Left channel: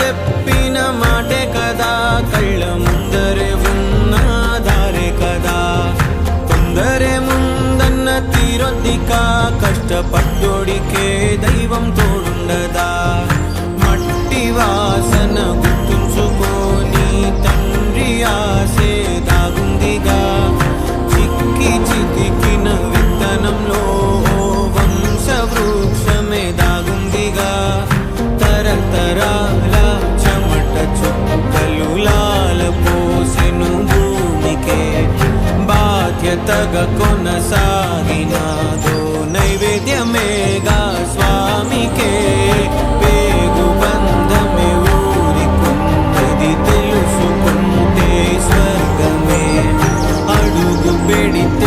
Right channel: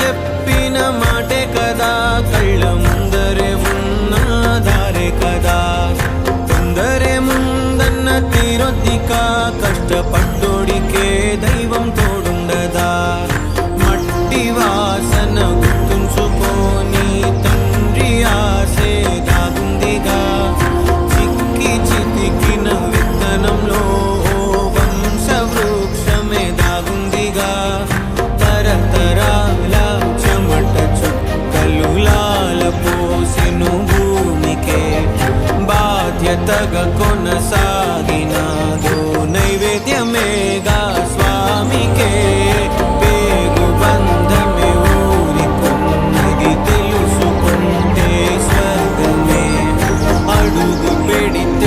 చెప్పిన మాటే కదా, కళ్ళ ముందరే ఉన్న దారే కదా. తొందరే ముందన్న తీరొద్దిక, కష్టపడ్డోడికే దైవం తోడుండదా. మట్టి వాసన గుర్తుంచుకొని తండ్రి ఆశే దాగుందిగా. చిక్కి చితికిన విత్తనంలో వంశవృక్షమే దాగుందిగా. తరతరాల చెమట చుక్కలు లాల పోసెను భూమికే. బాధ్యతగా కొనసాగినాదో నైవేద్యమేగా స్వామికే. పేగు బంధమే ఊరికున్నది తెలుసుకుంటే స్వర్గమే. అడుగు పెడితే